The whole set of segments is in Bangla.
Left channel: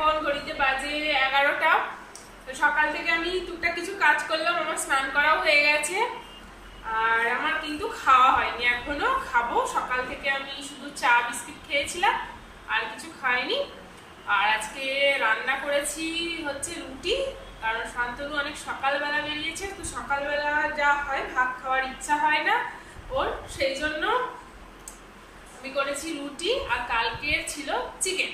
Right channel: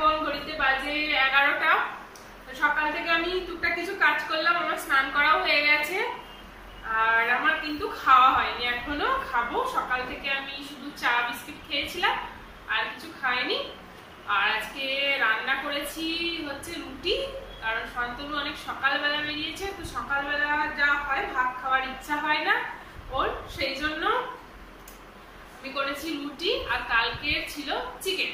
এখন ঘড়িতে বাজে 11টা। তো সকাল থেকে আমি টুকটাক কিছু কাজ করলাম, আমার স্নান করাও হয়ে গেছে, আর আমার কিন্তু খাওয়া হয়নি এখনো, খাবো। সকাল থেকে আমি শুধু চা বিস্কিট খেয়েছিলাম, আর কিছু খাইনি। আর আজকে রান্না করেছি হচ্ছে রুটি, কারণ শান্তনু অনেক সকালবেলা বেরিয়েছে, তো সকালবেলা যা হয় ভাত খাওয়ার ইচ্ছা হয় না ওর, সেই জন্য আমি করেছি রুটি। আর কালকের ছিল চিকেন,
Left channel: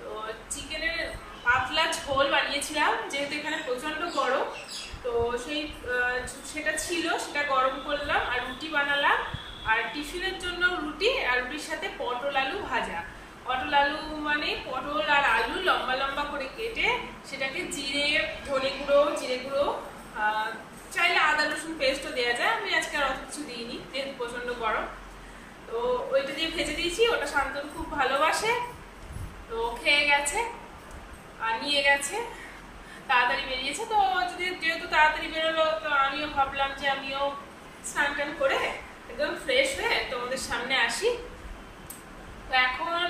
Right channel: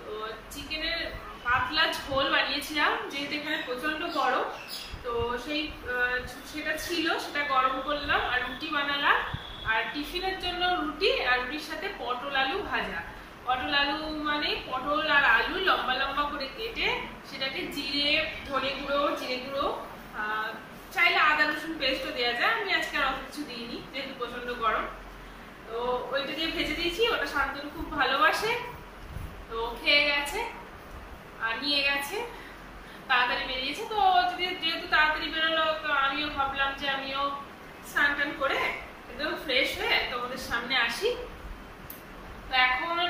তো চিকেনের পাতলা ঝোল বানিয়েছিলাম, যেহেতু এখানে প্রচন্ড গরম, তো সেটা ছিল, সেটা গরম করলাম আর রুটি বানালাম। আর টিফিনের জন্য রুটি, আর রুটির সাথে পটল আলু ভাজা। পটল আলু মানে পটল আর আলু লম্বা লম্বা করে কেটে সেটাকে জিরে, ধনে গুঁড়ো, জিরে গুঁড়ো, চাইলে আদা রসুন পেস্টও দেওয়া যায়, আমি আজকে আর অত কিছু দিইনি যেহেতু প্রচন্ড গরম। তো ওইটা দিয়ে ভেজে দিয়েছি, ওটা শান্তনু খুব ভালোবাসে, তো খেয়ে গেছে আর নিয়ে গেছে, তাড়াতাড়ি বেরিয়েছে। তো যেহেতু তাড়াতাড়ি বেরোলো, তো আমিও ভাবলাম যে আমিও স্নান টান করে একদম ফ্রেশ হয়ে তোমাদের সামনে আসি। তো এখন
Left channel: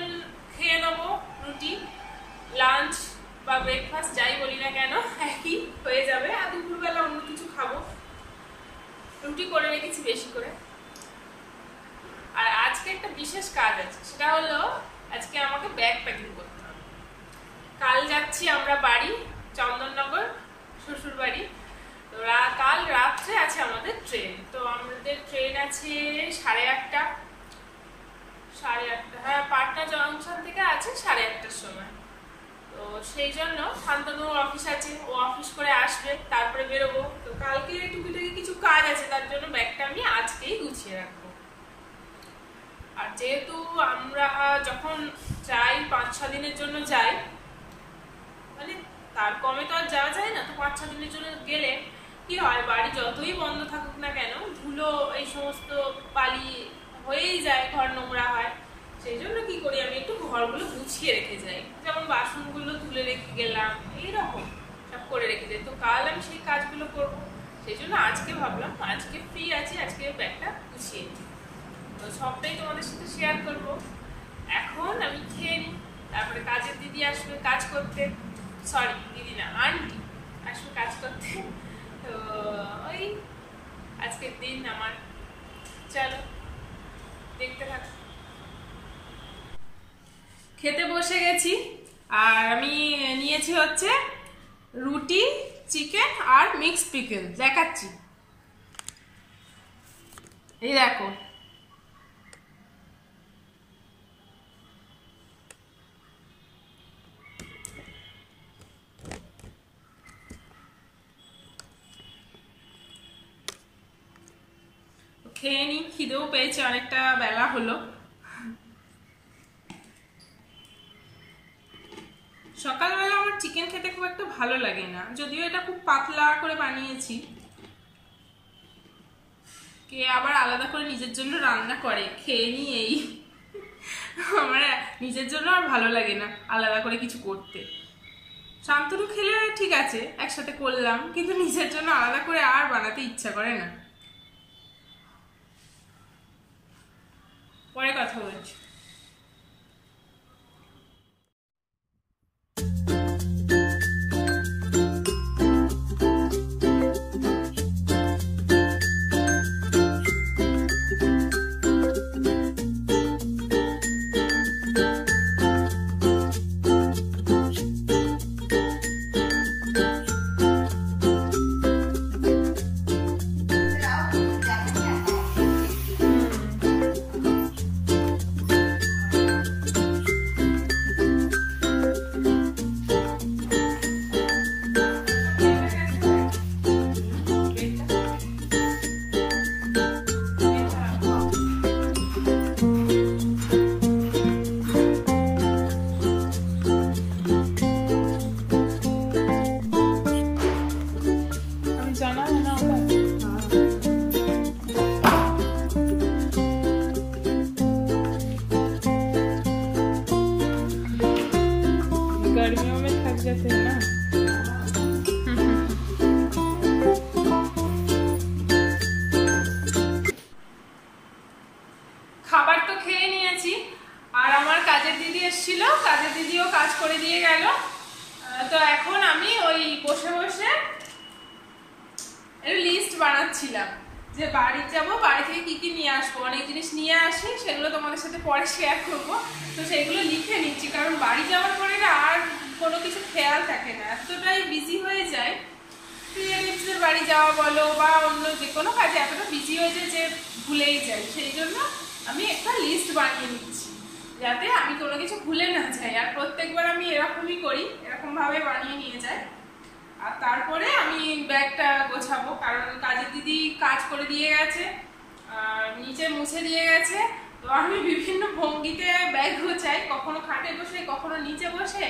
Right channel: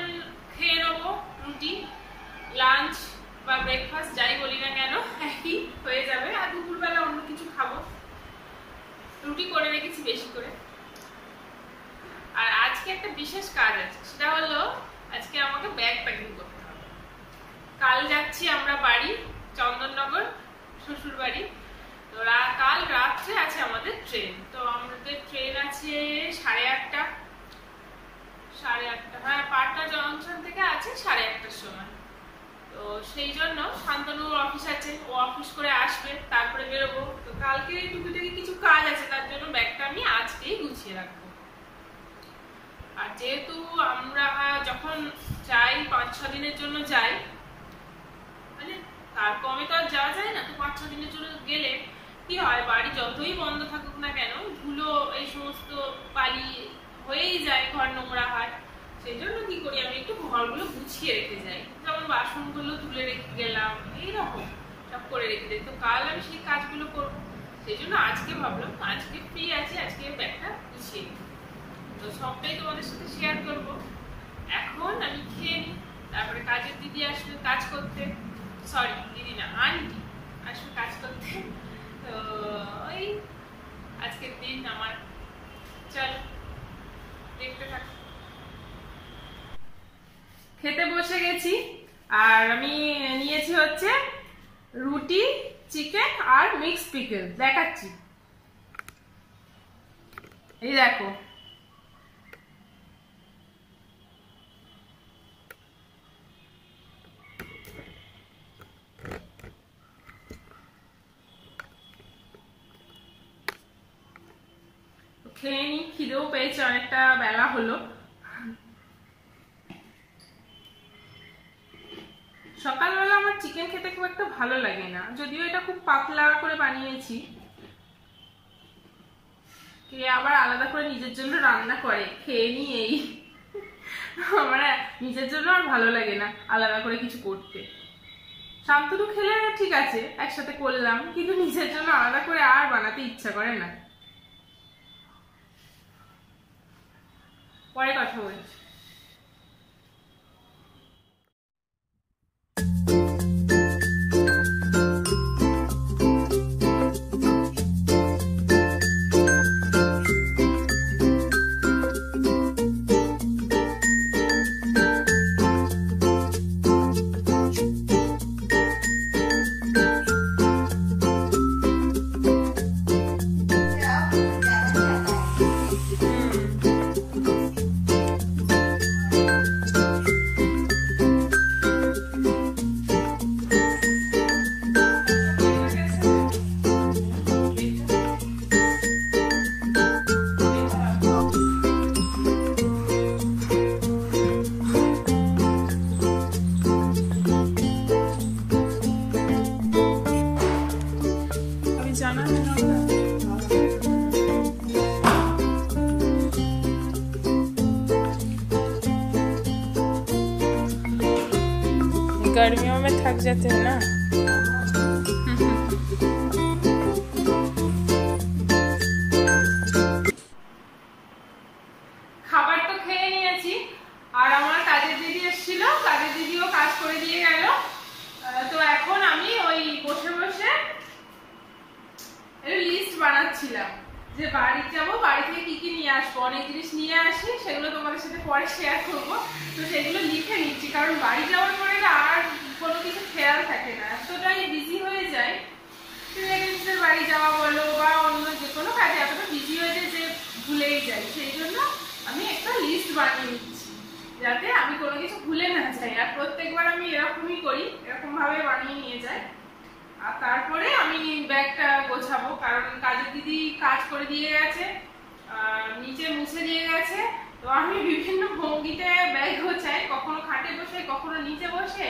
খেয়ে নেবো রুটি, লাঞ্চ বা ব্রেকফাস্ট যাই বলি না কেন একই হয়ে যাবে। আর দুপুরবেলা অন্য কিছু খাবো, রুটি করে রেখেছি বেশি করে। আর আজকে একটা বিশেষ কাজ আছে, সেটা হলো আজকে আমাকে ব্যাগ প্যাকিং করতে হবে। কাল যাচ্ছি আমরা বাড়ি, চন্দননগর শ্বশুর বাড়ি। তো কাল রাত্রে আছে আমাদের ট্রেন, তো আমাদের ট্রেন আছে 8:30, হ্যাঁ, পাটনা জংশন থেকে আছে 8:30টার সময়। তো সেই জন্য শান্তনুর অফিস আছে, ও অফিস করে আসবে, তারপরে বেরোবো। তো কালকে টুকিটাকি কিছু কাজ আছে, তার জন্য ব্যাগটা আমি আজকেই গুছিয়ে রাখবো। আর যেহেতু আমরা যখন যাই 5-6 দিনের জন্য যাই, মানে তার কমে তো আর যাওয়া যায় না, তো 5-6 দিনের জন্য গেলে কি হয়, বাড়ি যতই বন্ধ থাকুক না কেন, ধুলো এই সমস্ত বালি হয়েই যায়, ঘর নোংরা হয়। সেই জন্য কি করি, আমি একটু ঘরগুলো গুছিয়ে রেখে যাই, যেমন বাসনগুলো তুলে রেখে গেলাম, এইরকম সব করে রেখে যাই। তো কাল আমি সেই কাজগুলো করব, সেই জন্য আজকে ভাবলাম আজকে ফ্রি আছি, আজকে ব্যাগটা গুছিয়ে নিই, তো সবটাই তোমাদের সাথে শেয়ার করব। এখন আমি খেয়ে নিই, তারপরে কাজের দিদি আসবে কাজ করতে, সরি দিদি না, আন্টি আসবে কাজ করতে। তো ওই আজকের দিন আমার, চলো দেখতে থাক। খেতে বসে গেছি, আর আমি নিয়েছি হচ্ছে রুটি, চিকেন আর মিক্স পিকল, দেখাচ্ছি, এই দেখো। খেয়ে নি, খিদেও পেয়েছে, অনেকটা বেলা হলো। সকালবেলা আমার চিকেন খেতে খুব একটা ভালো লাগে না, যদিও এটা খুব পাতলা করে বানিয়েছি। কে আবার আলাদা করে নিজের জন্য রান্না করে, খেয়ে নি এই। আমার নিজের জন্য আর ভালো লাগে না আলাদা করে কিছু করতে। শান্তনু খেলে ঠিক আছে, একসাথে করলাম, কিন্তু নিজের জন্য আলাদা করে আর বানাতে ইচ্ছা করে না। পরে কথা বলছি। ভাবছিলাম যে বাড়ি যাব, বাড়ি থেকে কি কি নিয়ে আসবো, অনেক জিনিস নিয়ে আসি, সেগুলো তোমাদের সাথে পরে শেয়ার করব। তো সেগুলো লিখে নিচ্ছি, কারণ বাড়ি যাওয়ার পরে না আর কোনো কিছু খেয়াল থাকে না, এতটাই বিজি হয়ে যায়। রিলেটিভসের বাড়ি যাওয়া বলো বা অন্য যে কোনো কাজে এতটা বিজি হয়ে যায় যে ভুলেই যাই। সেই জন্য আমি একটা লিস্ট বানিয়ে নিচ্ছি যাতে আমি কোনো কিছু ভুলে না যাই। আর প্রত্যেকবার আমি এরকমই করি, এরকমভাবে বানিয়ে নিয়ে যাই। আর তারপরে আমি ব্যাগটা গোছাবো, কারণ কাজের দিদি কাজ করে দিয়ে গেছে, নিচে মুছে দিয়ে গেছে। তো আমি বিভিন্ন ভঙ্গিতে ব্যাগ গোছাই, কখনো খাটে বসে, কখনো নিচে বসে।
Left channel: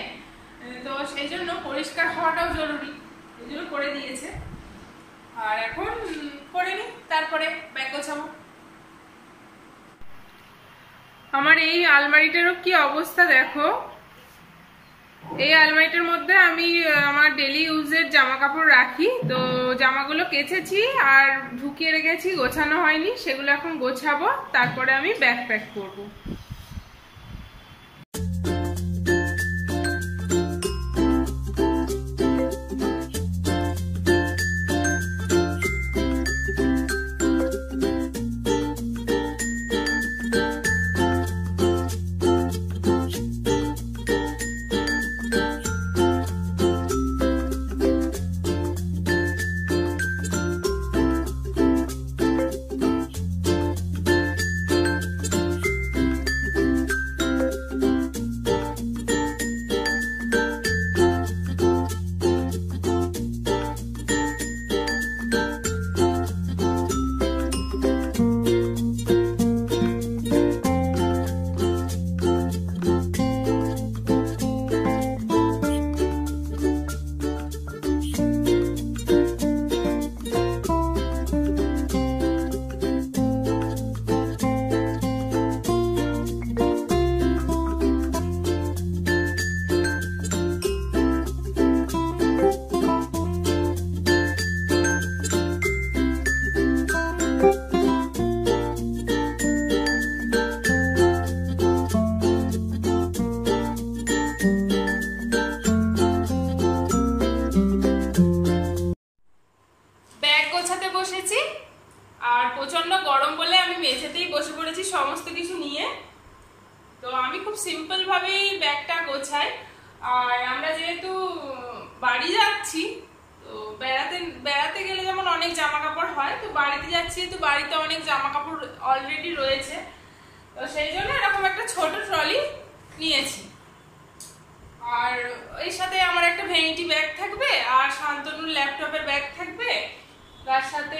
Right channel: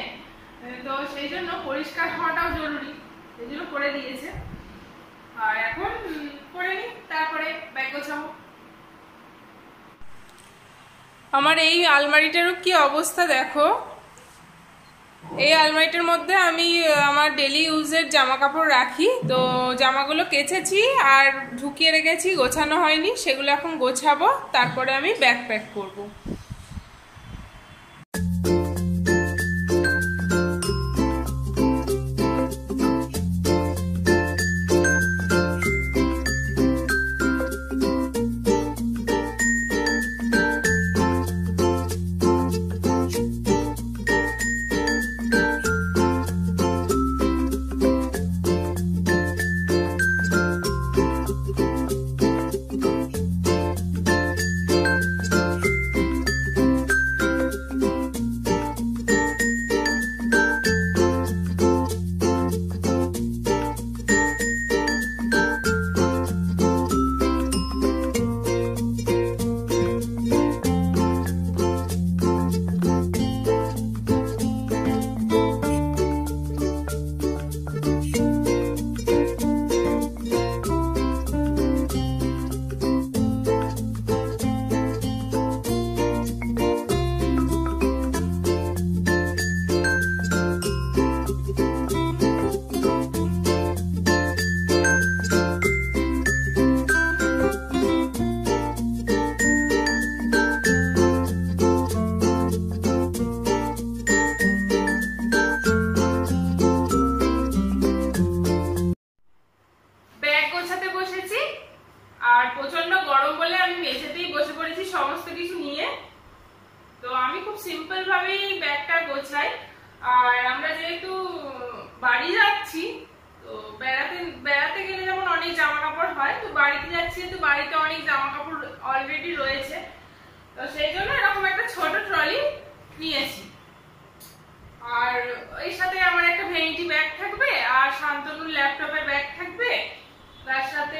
তো সেই জন্য পরিষ্কার হওয়াটাও জরুরি, এই জন্য করে দিয়েছে। আর এখন করে নিই, তারপরে ব্যাগ গোছাবো। আমার এই আলমারিটারও কি অবস্থা দেখো। এই আলমারিটার মধ্যে আমি আমার ডেলি ইউজের জামা কাপড় রাখি। তো জামাগুলো কেচেছি আর ঢুকিয়ে রেখেছি, গোছানো হয়নি, সেগুলো এখন গোছাবো, তারপরে আমি ব্যাগ প্যাক করবো। আর প্রচন্ড গরম বলে আমি মেঝেতেই বসে পড়েছি সমস্ত কিছু নিয়ে। তো আমি খুব সিম্পল ভাবেই ব্যাগটা গোছাই। আর আমরা যেহেতু বাড়ি যাচ্ছি, তো বেড়াতে গেলে যেমন অনেক জামা কাপড় হয়, তো বাড়িতে যাচ্ছি তো বাড়িতে অনেক জামা কাপড় অলরেডি রয়েছে। তো সেই জন্য এরকম একটা ছোট ট্রলি নিয়েছি। আর এর সাথে আমার একটা ভ্যানিটি ব্যাগ থাকবে, আর শান্তনুর ল্যাপটপের ব্যাগ থাকবে, তার সাথে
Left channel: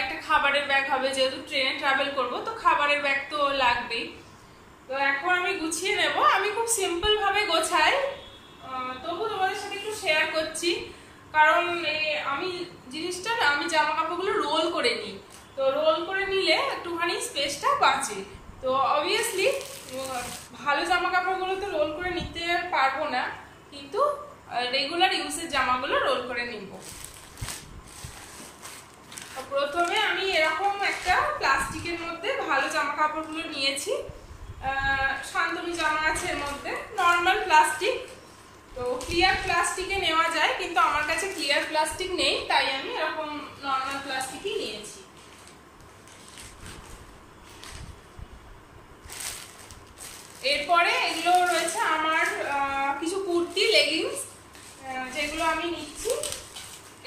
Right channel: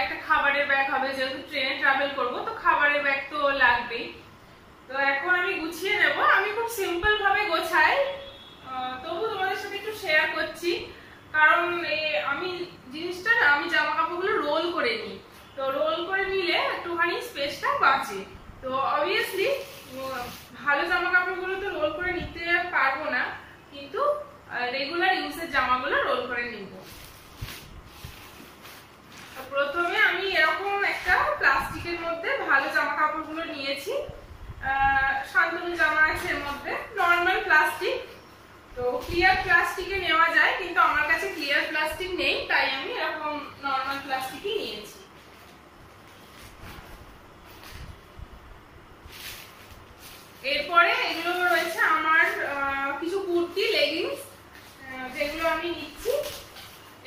একটা খাবারের ব্যাগ হবে, যেহেতু ট্রেনে ট্রাভেল করব তো খাবারের ব্যাগ তো লাগবেই। তো এখন আমি গুছিয়ে নেব। আমি খুব সিম্পল ভাবে গোছাই, তবু তোমাদের সাথে একটু শেয়ার করছি, কারণ আমি জিনিসটা না, আমি জামা কাপড়গুলো রোল করে নিই। তো রোল করে নিলে একটুখানি স্পেসটা বাঁচে। তো অবভিয়াসলি ভালো জামা কাপড়গুলো তো রোল করে নিতে পারবো না, কিন্তু রেগুলার ইউজের জামাগুলো রোল করে নিব। প্রথমে আমি এরকম একটা প্লাস্টিকের মধ্যে ভালো জামা কাপড়গুলো নিয়েছি। শান্তনু জামা আছে এর মধ্যে, নর্মাল প্লাস্টিক। তো ক্লিয়ার প্লাস্টিকে নেওয়া যায়, কিন্তু আমার কাছে ক্লিয়ার প্লাস্টিক নেই, তাই আমি এরকম নর্মাল প্লাস্টিকই নিয়েছি। এরপরে এগুলো রয়েছে আমার কিছু কুর্তি, লেগিংস, যেগুলো আমি নিচ্ছি।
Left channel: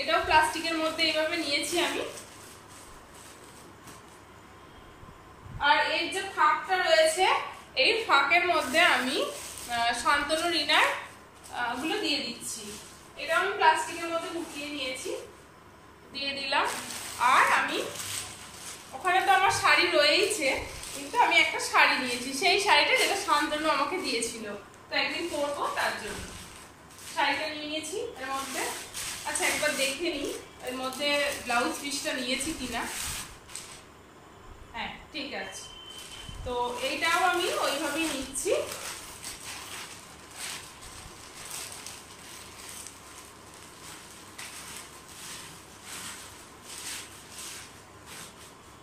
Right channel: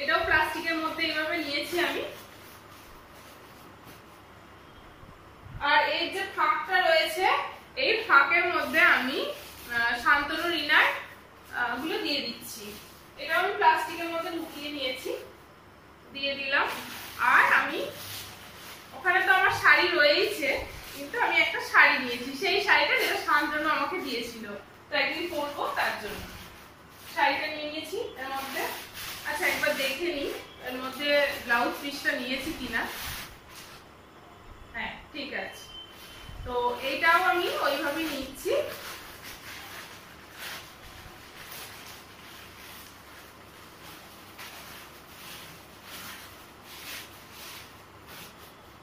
এটাও প্লাস্টিকের মধ্যে এইভাবে নিয়েছি আমি। আর এই যে ফাঁকটা রয়েছে, এই ফাঁকের মধ্যে আমি শান্তনু রিনার গুলো দিয়ে দিচ্ছি। এটা আমি প্লাস্টিকের মধ্যে ঢুকিয়ে নিয়েছি, দিয়ে দিলাম। আর আমি ওখানে তো আমার শাড়ি রয়েইছে, কিন্তু আমি একটা শাড়ি নিয়েছি, সেই শাড়িটা যেটা শান্তনু আমাকে দিয়েছিল, তো একদিন পরবো তার জন্য শাড়িটা নিয়ে নিয়েছি এর মধ্যে। আচ্ছা, একবার দেখে নিই এর মধ্যে ব্লাউজ পিসটা নিয়েছি কিনা। হ্যাঁ, ঠিক আছে। তো এইটাও আমি ওইভাবেই নিচ্ছি।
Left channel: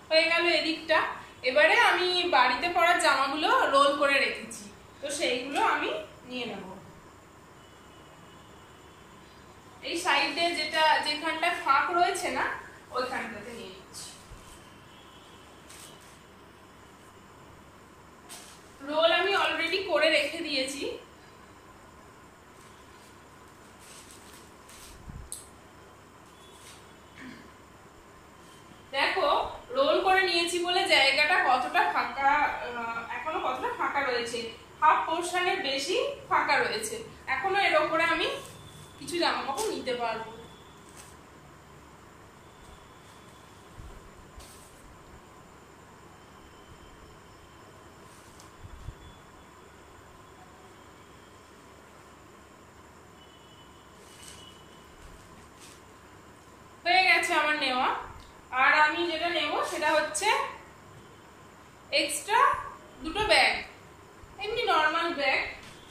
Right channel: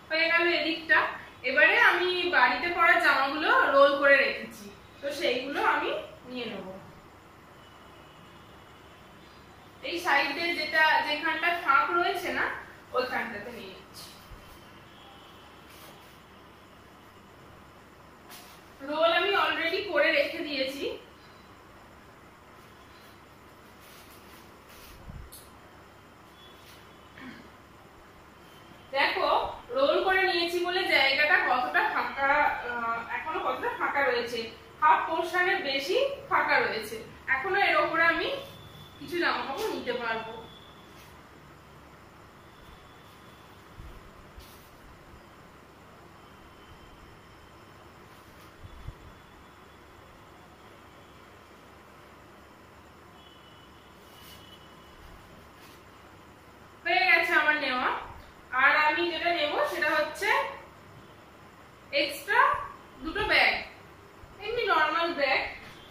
হয়ে গেল এদিকটা। এবারে আমি বাড়িতে পরা জামাগুলো রোল করে রেখেছি, তো সেইগুলো আমি নিয়ে নেব। এই সাইডে যেখানটা ফাঁক রয়েছে না, ওইখানটাতে নিয়ে রয়েছে, হাফ পোর্শনের বেশি ফাঁকা রয়েছে। এখনো এর ওপরে আমি কিছু জামা কাপড় নিতে পারবো। হয়ে গেছে আমার নেওয়া। আর আমি যেটা নেব সেটা হচ্ছে এক্সট্রা দুটো ব্যাগ, এমনি নর্মাল ব্যাগ।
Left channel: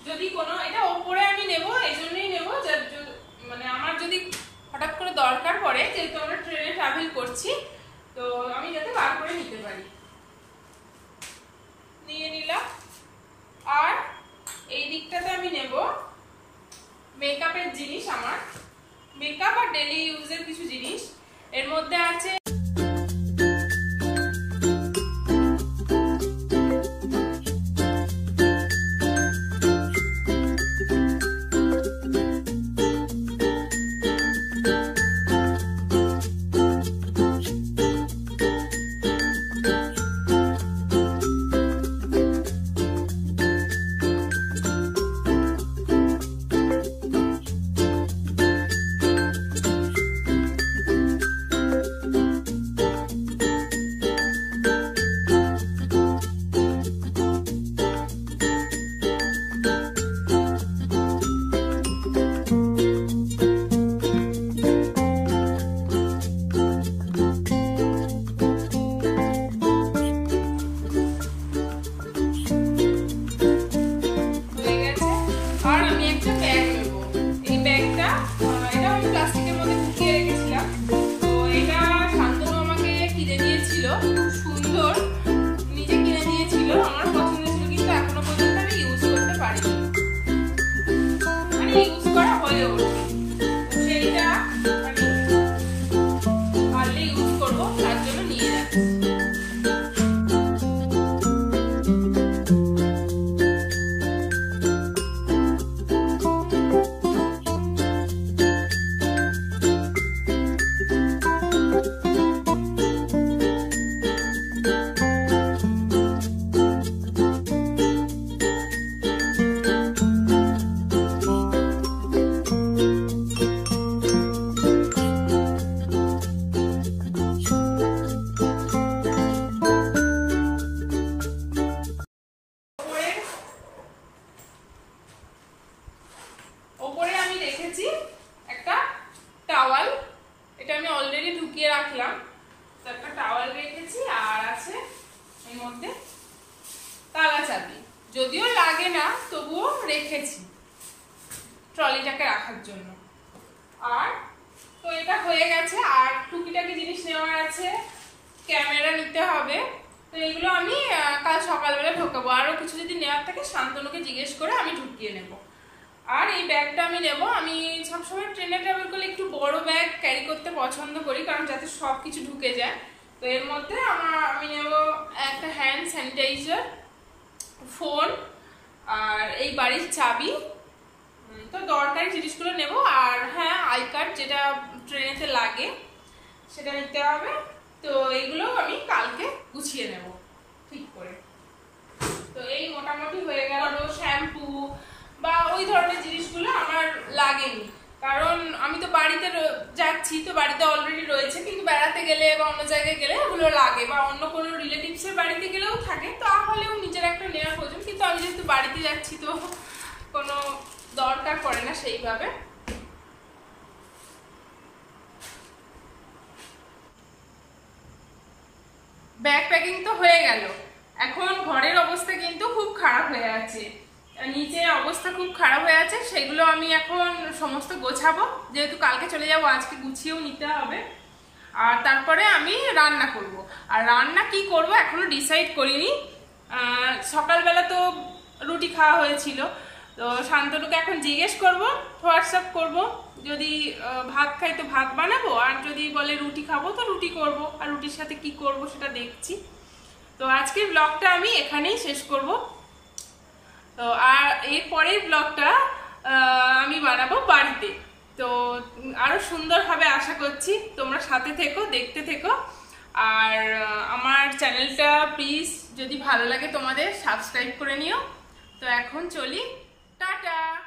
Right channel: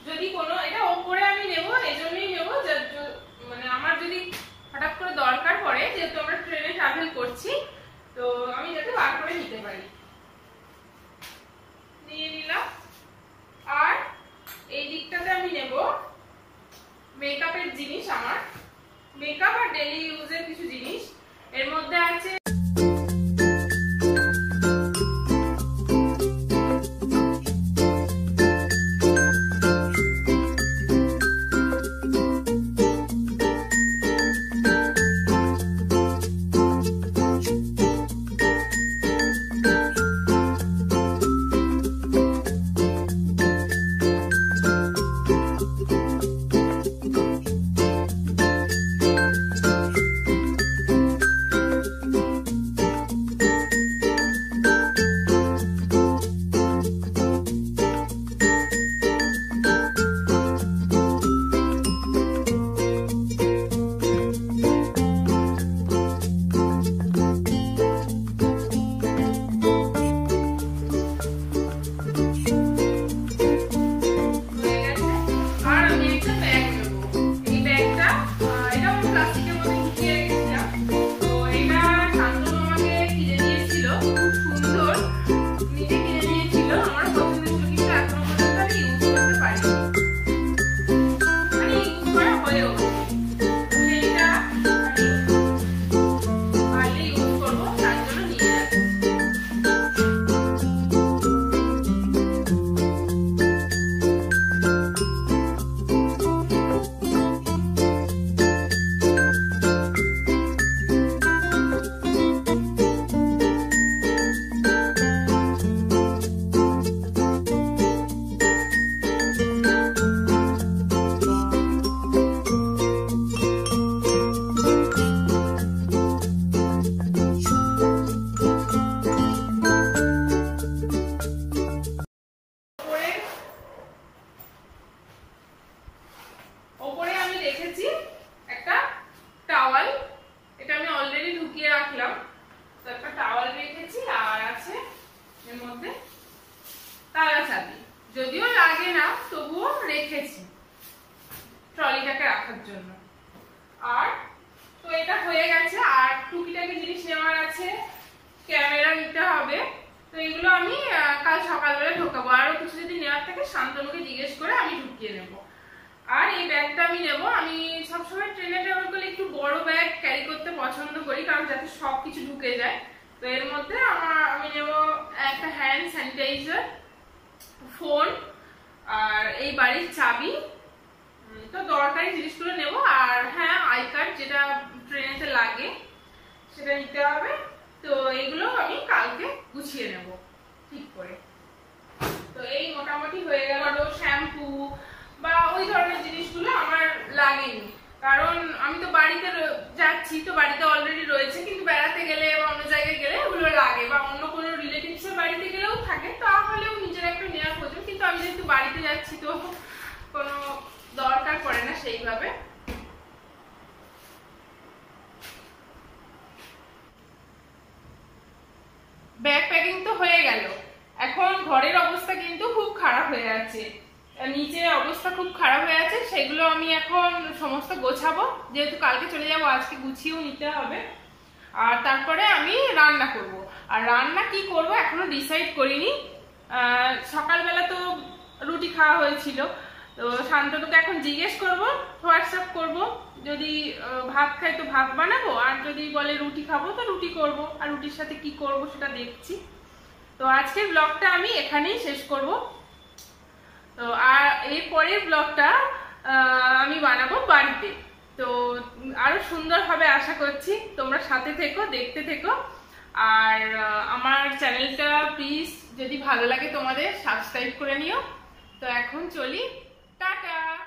যদি কোনো, এটা ওপরে আমি নেব, এজন্যই নেব মানে আমার যদি হঠাৎ করে দরকার পড়ে, যেহেতু আমরা ট্রেনে ট্রাভেল করছি, তো আমি যাতে বার করে নিতে পারি। নিয়ে নিলাম। আর এই দিকটাতে আমি নেব মেকআপের জিনিস, আমার মেকআপ আর ডেইলি ইউজের কিছু জিনিস। এর মধ্যে আছে যদিও লাগে না, তবুও রেখেছি ট্রলিটাকে রাখার জন্য। আর তো এটা হয়ে গেছে। আর টুকিটাকি জিনিস নেওয়ার আছে, ক্যামেরা নিতে হবে, তো এগুলো আমি কাল সকালবেলা ঢোকাবো। আরো কিছু যদি নেওয়ার থাকে শান্তনুকে জিজ্ঞেস করে আমি ঢুকিয়ে নেব। আর এই ব্যাগটা আমি নেব, আমি সবসময় ট্রেনে ট্রাভেল করলে একটু বড় ব্যাগ ক্যারি করতে পছন্দ করি, কারণ যাতে সব কিছু ঢুকে যায়। তো এর মধ্যে আমি নেব একটা হ্যান্ড স্যানিটাইজার, ফোন, আর এই বাড়ির চাবি, তো দরকারি জিনিসগুলো নেব। আর হ্যাঁ, আই কার্ড যেটা ট্রেনেতে লাগে সেটা নিতে হবে। তো এইগুলো আমি কালকে গুছিয়ে নেব ঠিক করে। তো এই মোটামুটি হয়ে গেল। শ্যাম্পু বা ওই ধরনের জিনিসগুলো আমার লাগেনি, কারণ আমি তো বাড়িতে যাচ্ছি, তো বাড়িতে অলরেডি রয়েছে। কিন্তু বেড়াতে গেলে বা অন্য জায়গায় গেলে ওগুলো লাগে, বা অন্য কোনো রিলেটিভসের বাড়িতে গেলেও থাকে, তাহলেও নিজের একটা নেওয়া প্রয়োজন। কিন্তু আমি যেহেতু বাড়িতে যাচ্ছি, তো কোনো দরকার পড়ে না সেইভাবে। ব্যাগ প্যাকিং তো হয়ে গেল। এখন ঘরের অবস্থা কিন্তু খুব খারাপ হয়ে আছে, নিচে অবস্থা খুব খারাপ হয়ে আছে। সেগুলো আমি এখন সমস্ত গোছাবো, যেহেতু কালকে চলে যাবো, আজকে গুছিয়েও নিতে হবে। আর তারপরে আমি রান্না করব। আর রান্না কি করব এখনো ডিসাইড করিনি। সকালবেলা তো রুটি খাওয়া হয়েছিল, তো শান্তনুকে এখন জিজ্ঞেস করব, হোয়াটসঅ্যাপ করব। যদি ভাত খাই তো ভাত বানাবো, আর যদি বলে রুটি খাবো তো রুটি করব। আর রুটির সাথে কি করব সেটা দেখছি। তো আজকের ব্লগটা আমি এখানেই শেষ করব। তো আর এর পরের ব্লগটা আমি বানাবো বাড়িতে। তো আরো সুন্দর হবে আশা করছি, তোমরা সাথে থেকো, দেখতে থেকো। আর আমার চ্যানেলটা প্লিজ যদি ভালো লাগে তোমাদের সাবস্ক্রাইব করে নিও। তো এখন চলি, টাটা।